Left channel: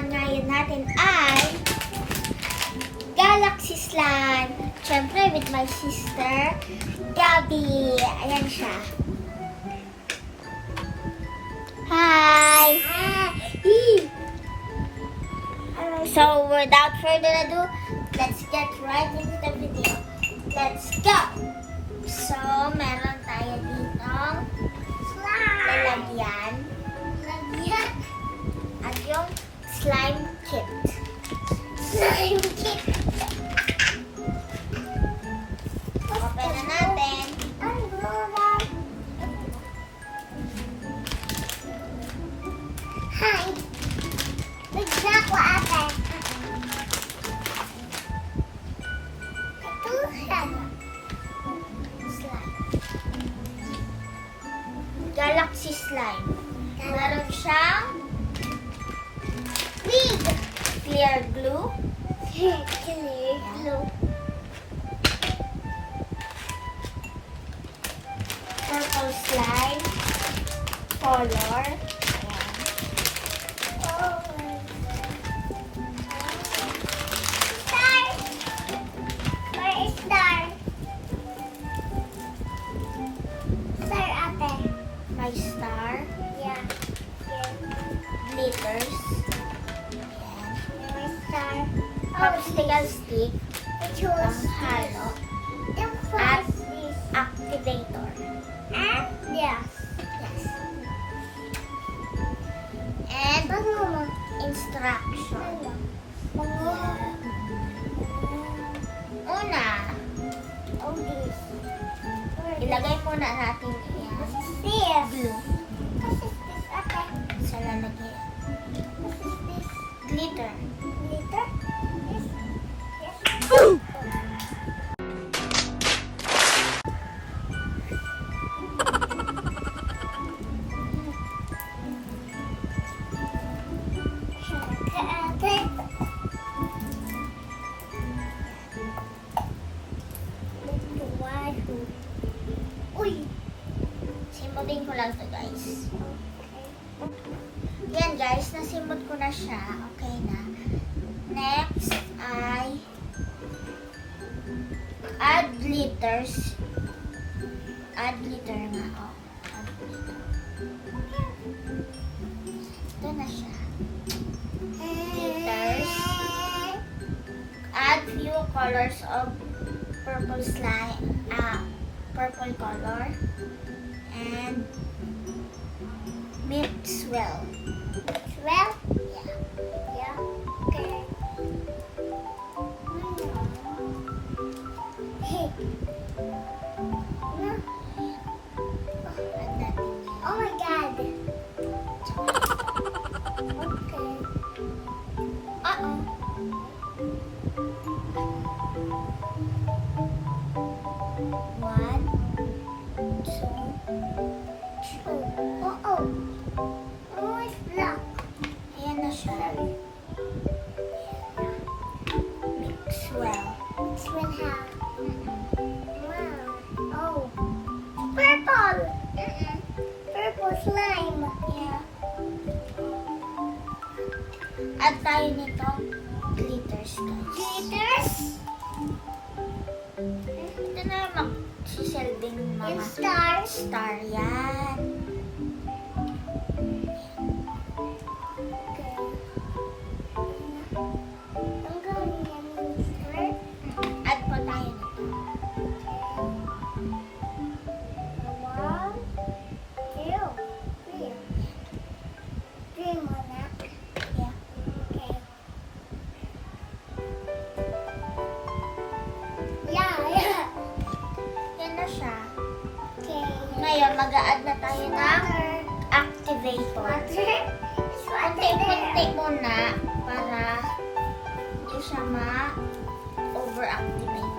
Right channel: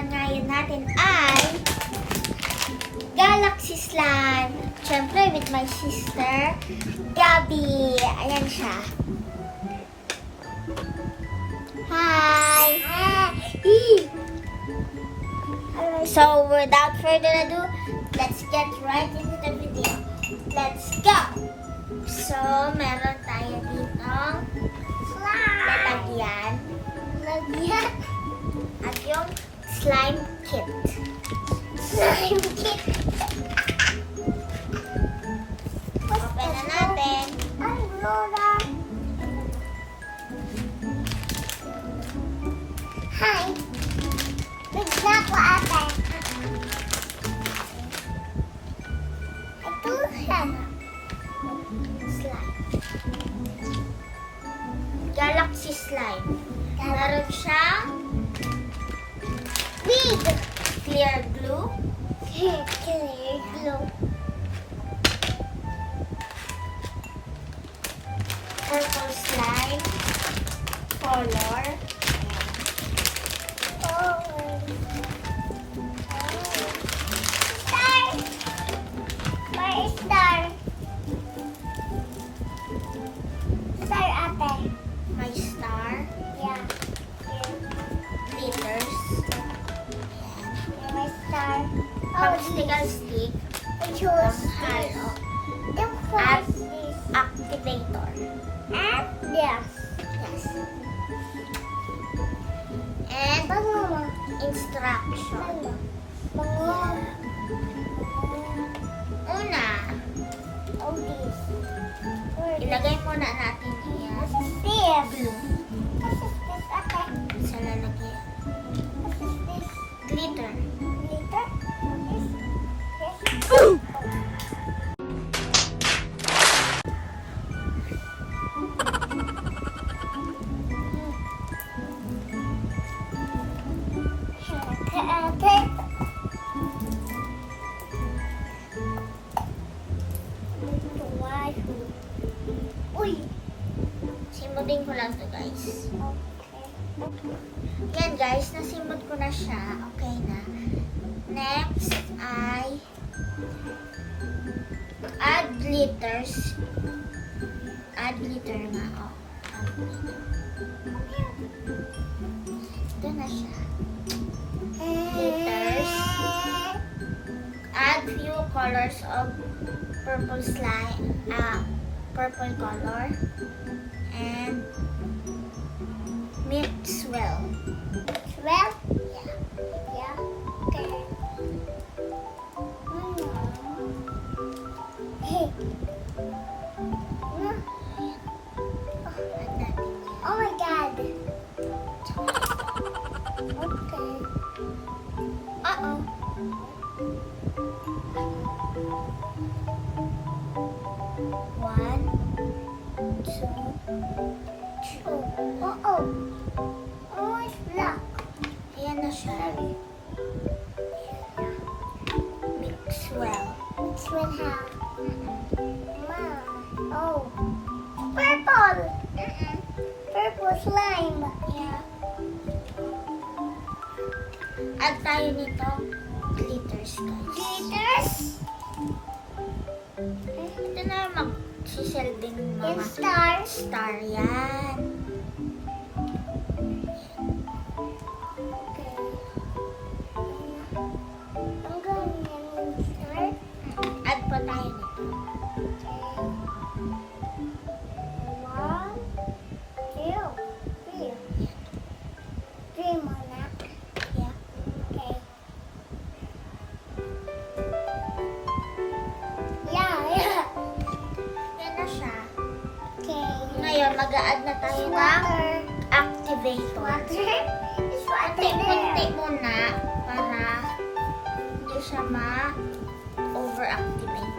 naman ngayon natin ay Galaxy Slime. Siyempre, with my sister, Gabby. Ayan siya. Hi! So, without further ado, let's get right into the video. Let's go! So, meron tayo ditong lalagyan. At yung slime kit. Open na natin. Hi. Bigla ko ate. Ito siya. Slime. Galaxy Slime. Meron siyang clear glue. Purple slime. Color. My star. Yeah. Glitters. My star. Popsicle stick. I chose Ang halo. the At first is activator. yes. Yes. And Bango. instruction. Una, Oh, this. ilagay muna natin yan. What is this? Glue What is this? Okay. sa lalagyan. What is this? Glitter. Glitter? Yes. Yes. Uy. Simutin ko lang to guys. Yan guys, nasimot ko na siya. Okay na. Next ay add glitters. Add glitter nga. Oh, add glitter. Ito na siya. Glitters. Add few colors of purple slime. Purple color. And mix well. Well, Yeah. yeah. Okay. Hey. Add natin yan. Oh my God. Okay. Uh-oh. One, two, three. Oh. Oh, it's black. Ayan na siya. Mix well. It's will have. Oh. Purple. Purple slime. Yeah. Add tayo nito. Glitters, guys. Glitters. Ito na yung magsisilbing mga And stars. star. Yan. I'm going in star. Add pa tayo nito. 1, 2, 3. 3 muna. Yeah. Okay. Yeah. Yan na siya. Okay. Ngayon, mag-a-add na tayo ng Water. activator. Water. It's water Kunti-kunti there. muna para hindi siya ma-overactivate.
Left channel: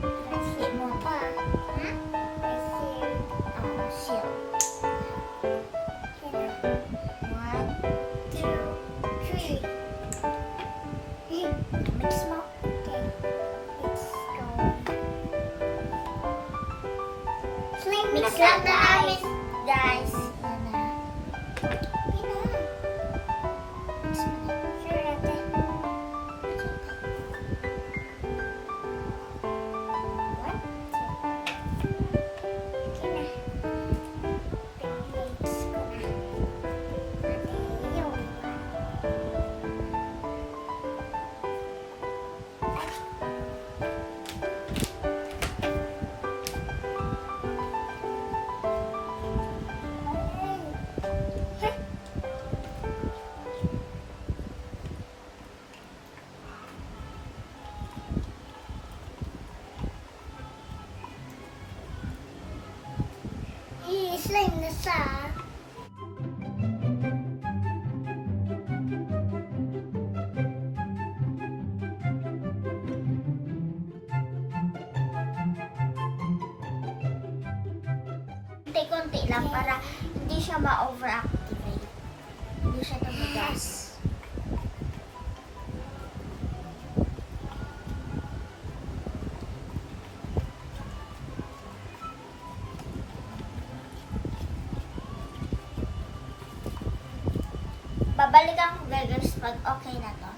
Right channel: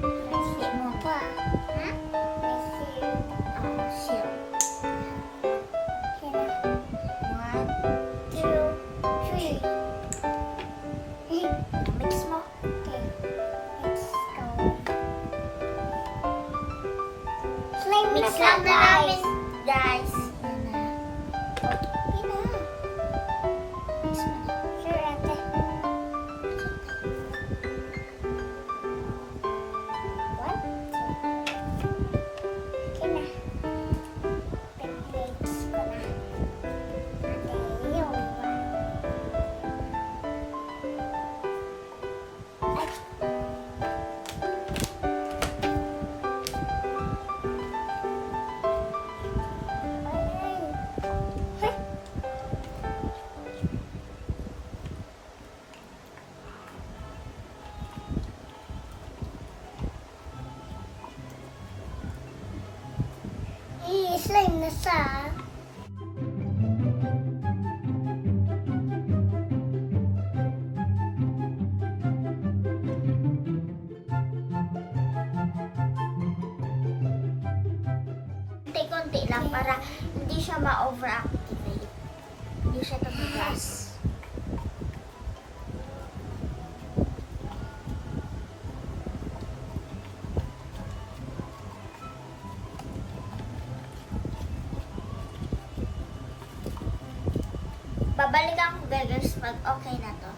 Kunti muna. Hmm? Let's see. Oh, seal. Okay. 1, 2, 3. Mix mo. Let's go. Slime Mix na lang na siya, namin, guys. Yan na. Mix mo na. Sure, ate. It's okay. One, two. Sige na. Mix ko na. Okay, yun. Ay. I-slime na siya. Konti-konti lang para hindi siya ma-overactivate. Hindi siya tumigas. Babalikan ko guys pag okay na to.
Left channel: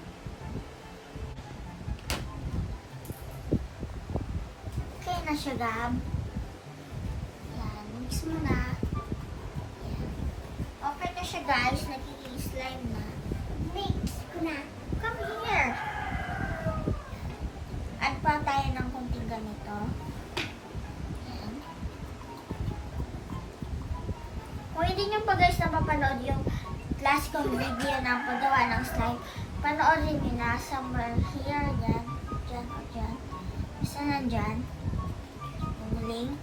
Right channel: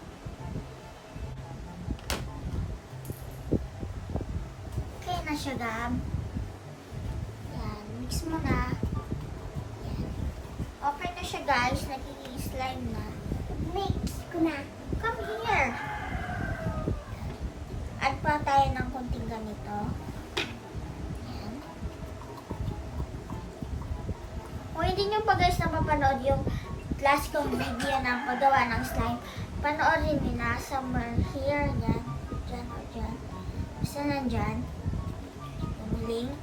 Okay na siya, Gab. Yan, mix mo na. Yan. Okay na siya guys, nagiging-slime na. Mix ko na. Come here. Add pa tayo ng konting ganito. Yan. Kung hindi nyo pa guys napapanood yung last kong video ng paggawa ng slime, panoorin nyo na somewhere here, dyan, dyan o dyan. Basta nandyan. Yung link.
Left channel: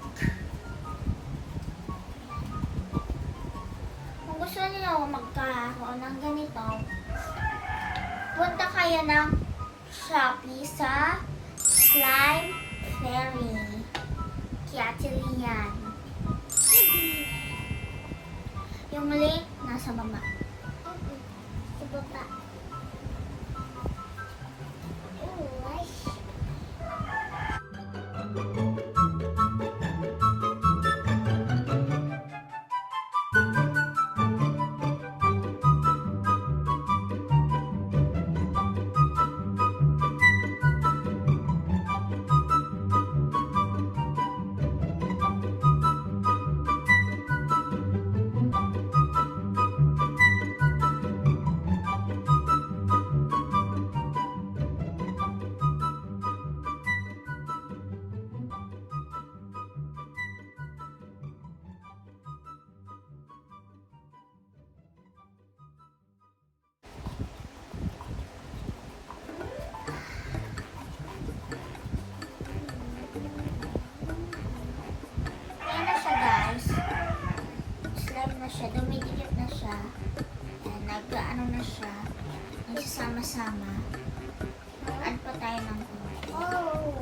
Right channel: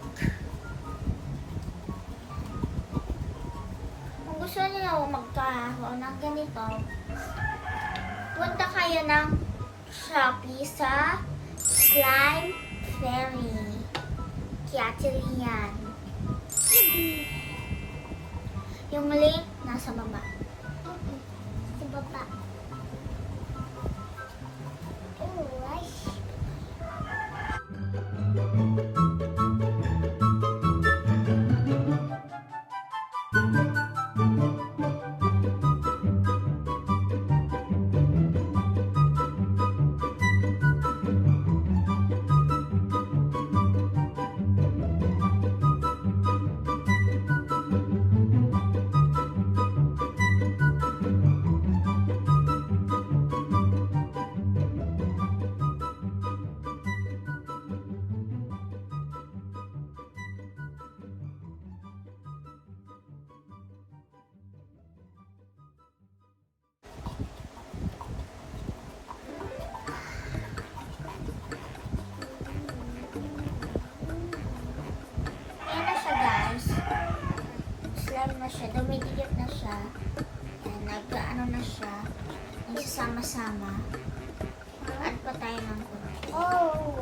Kung gusto niyo magkakaroon ng ganito, punta kayo ng Shopee sa Slime Fairy. 𝚃𝙷𝙴𝚁𝙗. Yung link nasa baba. Sa baba. Oh, nice. Ayan na siya guys. Slime na siya. Dumidikit na siya. Ayan, nag-ano na siya. Nagsasama-sama. Add pa tayo ng konti. Oh.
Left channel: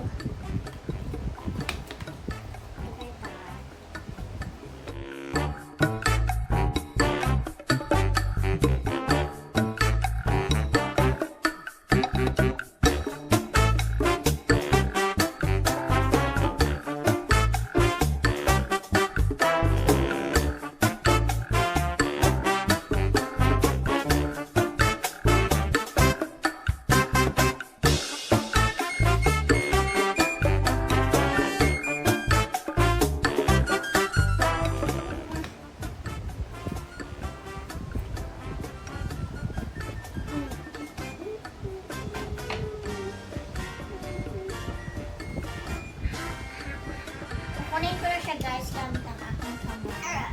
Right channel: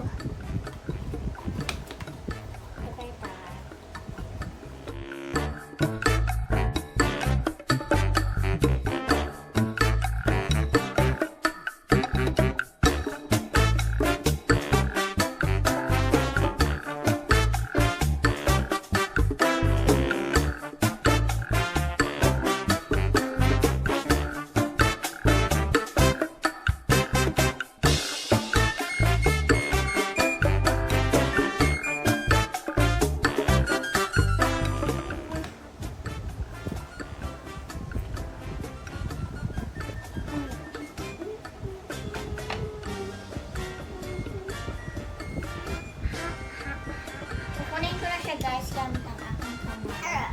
Kukunin ko na siya guys gamit ang aking kamay.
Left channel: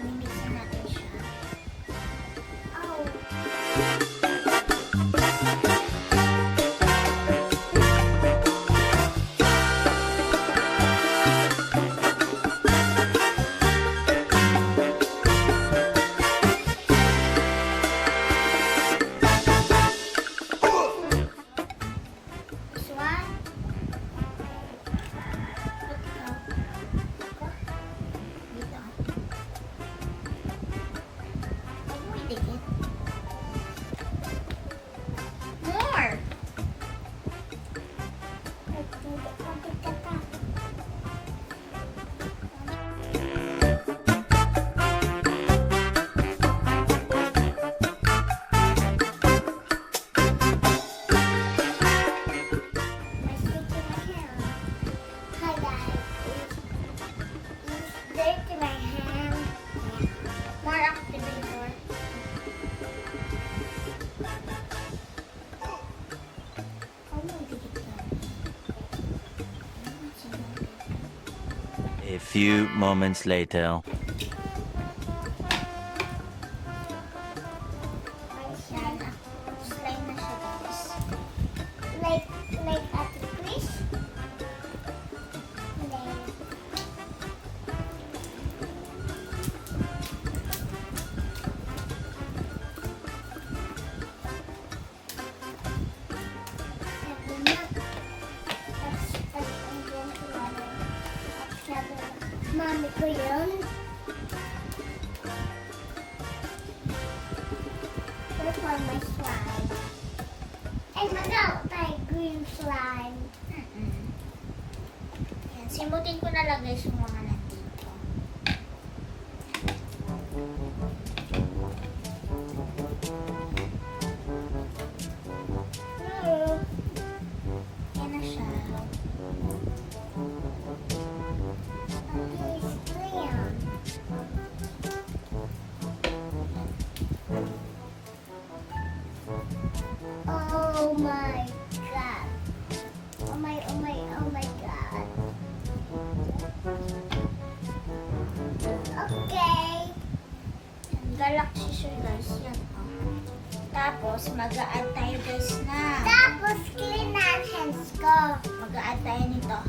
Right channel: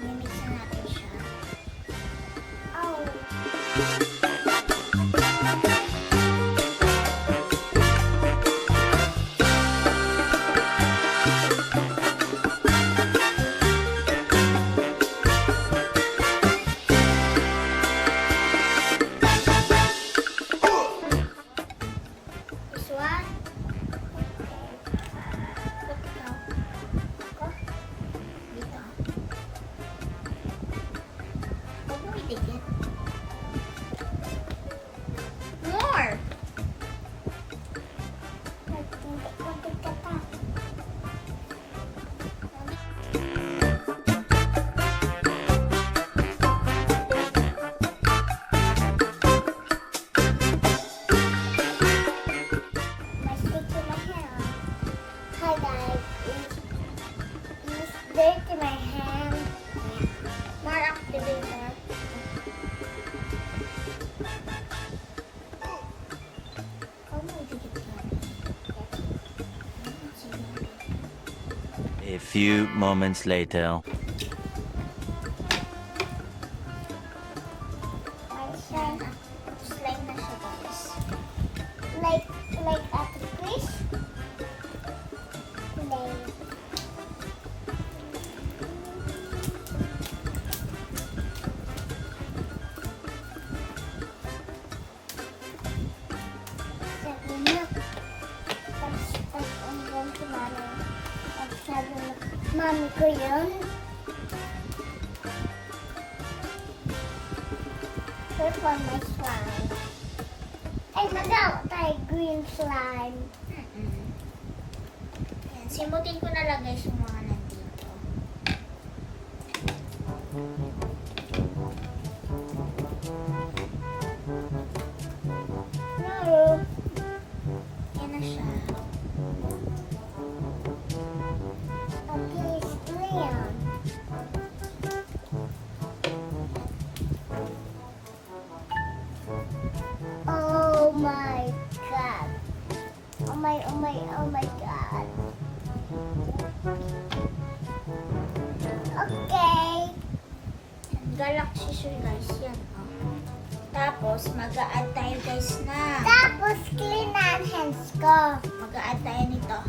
Imimix na natin siya. Oh. This one. Dito. Huwag mo idikit. A few moments later. Yan, slime na siya guys. Like at the fish. Like. Mami ko yun. This one is slime. Ay, mag-out tayo green slime. Yan, simutin ko na lang guys yung mga nandito. No. Yan na siya. Okay, it's green. Oh my god. Oh my god. Okay. Yan, 𝚫𝙴𝙴 guys. Yan, oh. Tapos, mag-a-add tayo guys na. Tapos clean ang hands ko. Mag-a-add tayo nito.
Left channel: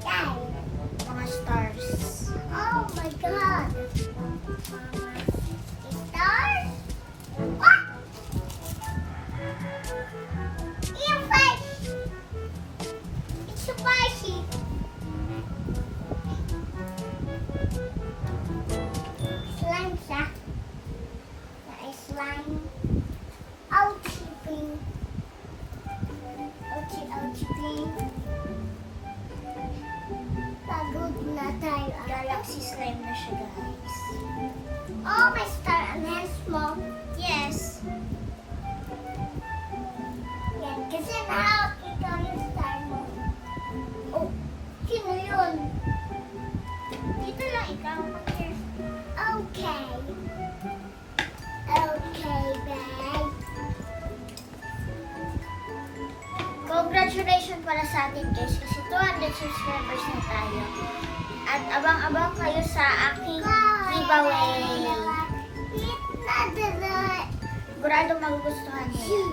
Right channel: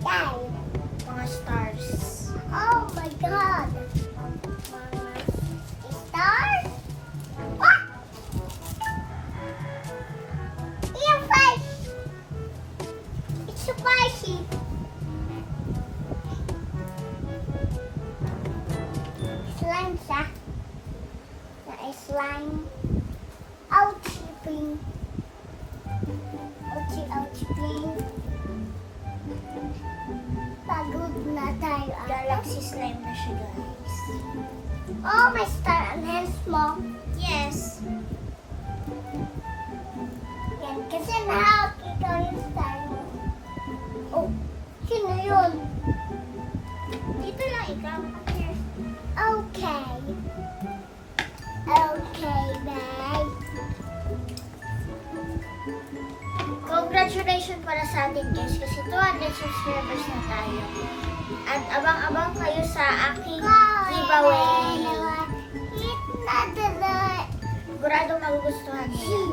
Yan. Mga stars. Oh my god. Stars? What? Your face. It's spicy. Slime siya. Slime. Ouchie ping. Ouchie ping. Pagod na tayo. Galaxy slime na siya guys. Oh, may star ang hands mo. Yes. Yan, kasi nahawak ikaw yung star mo. Oh, sino yun? Dito lang ikaw. Come here. Okay. Okay, guys. Congratulations para sa atin guys kasi 200 subscribers na tayo. At abang-abang kayo sa aking giveaway. Sigurado magugustuhan niyo yan.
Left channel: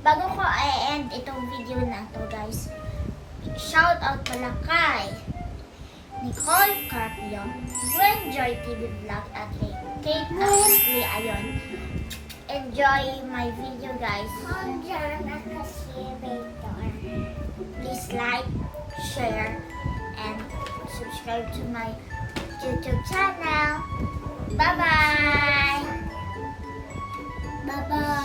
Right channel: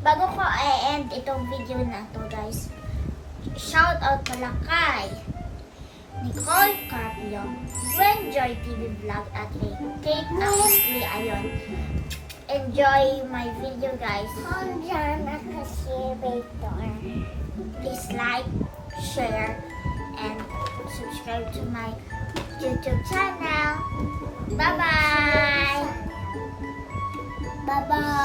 Bago ko i-end itong video na to guys, shoutout pala kay Nicole Carpio, Gwen Joy TV Vlog at kay 𝚃𝙃𝚴𝚁𝙗. Enjoy my video guys. Please like, share, and subscribe to my YouTube channel. Bye-bye! Bye-bye.